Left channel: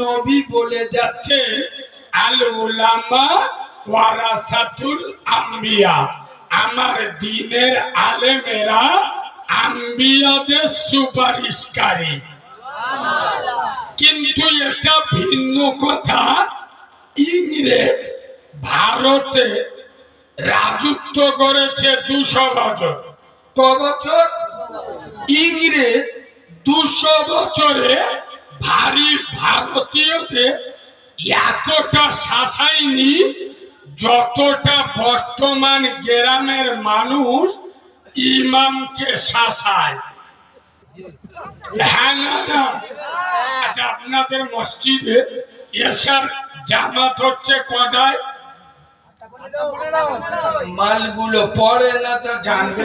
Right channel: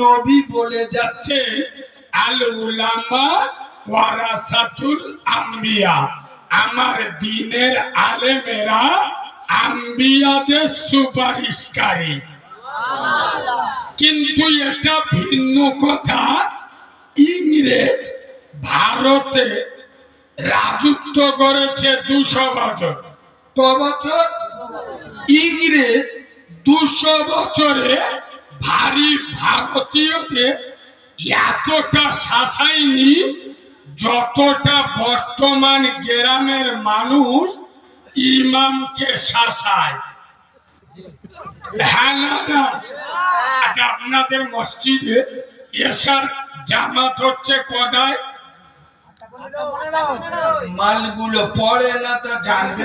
নবী বলে যাচ্ছে আল উলামা ওয়ারাসাতুল আম্বিয়া, আমার দ্বীনের আলেমেরা আম্বিয়াদের সুপারিশকারী। কিন্তু এটা ভিন্ন কথা, ইংরেজ ভারতে রাজত্ব করেছে 200 বছর। ক বছর? ইংরেজ 200 বছরে ভারী ভারতীয়দের এতটা শাসায়নি যতটা বর্তমান গ্রামের মানুষ ইমামকে শাসায়। হ্যাঁ না না? আচ্ছা, আপনাদের মসজিদে এশার জামাত হচ্ছে কটায়? মালগুলো পড়ে না তো জানবে,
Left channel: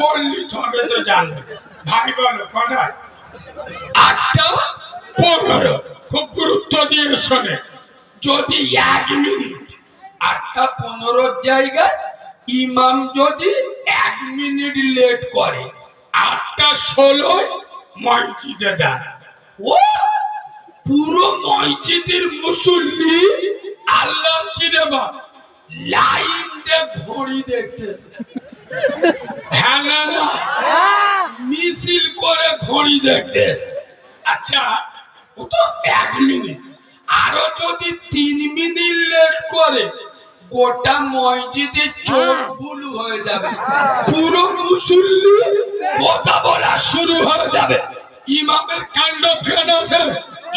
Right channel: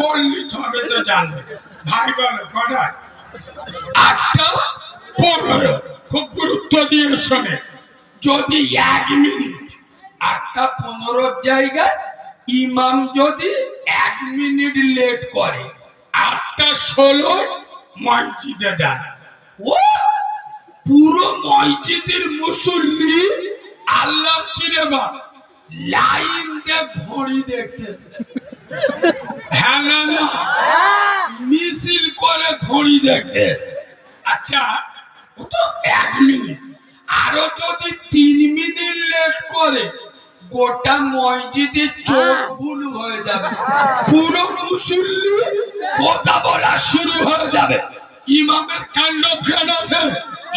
পড়লি তবে তো জানবে। ভাই বলো কটায়? 8:15। খুব গুরুত্ব দিয়ে শোনে। যদি 1 মিনিট 8:15 জায়গায় ইমাম যদি 1 মিনিট লেট করে 8:16 মসজিদে যায়, ও পুরো মসজিদের মুসল্লি আল্লাহ কিরে বা লাইন দিয়ে ঘড়ি দেখতে। হ্যাঁ না না? মিছিল করে ঘড়ি দেখতে। আচ্ছা, ও তো 1 মিনিট, আরো যদি 3 মিনিট লেট করে গোটা মসজিদের চোখ বুলু হয়ে যাবে, পুরো মুসল্লি কথা বলা শুরু হয়ে যাবে। ইমামের কাণ্ড ফেড আছে,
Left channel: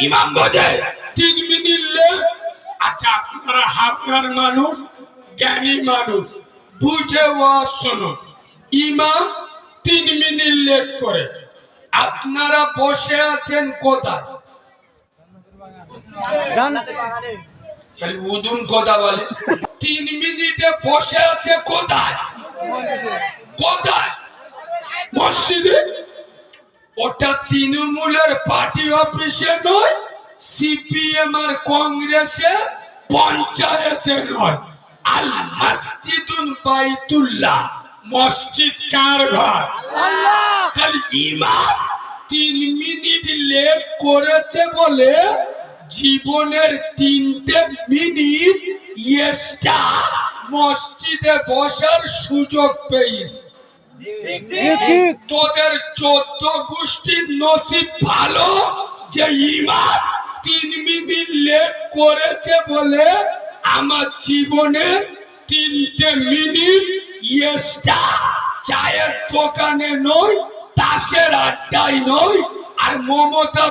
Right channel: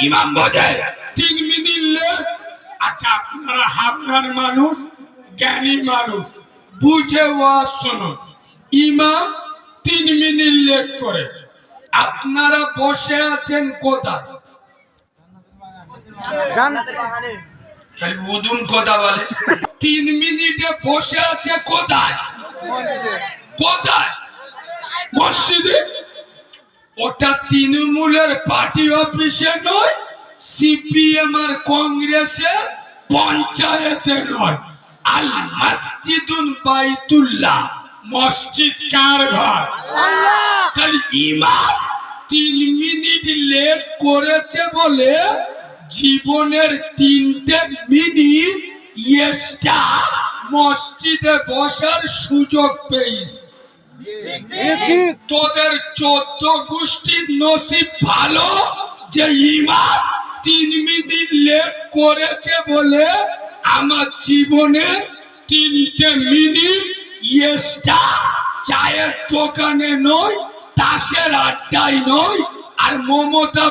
ইমাম বোঝে 3 মিনিট লেট। আচ্ছা, আপনারা হাবনার মানুষ, জ্ঞানী মানুষ, বুঝে ওয়াজ শুনুন। ইমাম 3 মিনিট লেট করেছে, আপনারা বসে আছেন কোথায়? খালি উদুম কথা বলে। 3 মিনিটে বসে আছে কোথায়? কোথায়? মসজিদে। ওটা তৃণমূলের পার্টি অফিসে নয়, সিপিএম আর কংগ্রেসের পঞ্চায়েতে নয়। আল মসজিদুল বাইতুল্লাহ, মসজিদ কার ঘর? খালি ইমাম 3 মিনিট লেট করেছে বলে জীবনের 3টে মিনিট এক্সট্রা মসজিদে বসার সুযোগ পেয়েছে। তোদের 14 গোষ্ঠীর নসিব ভালো যে ইমাম 3 মিনিট লেট করেছে বলে আমার জীবনের 3টে মিনিট এক্সট্রা চায়ের দোকানে নয়, তাসের আড্ডায় নয়, আর মমতা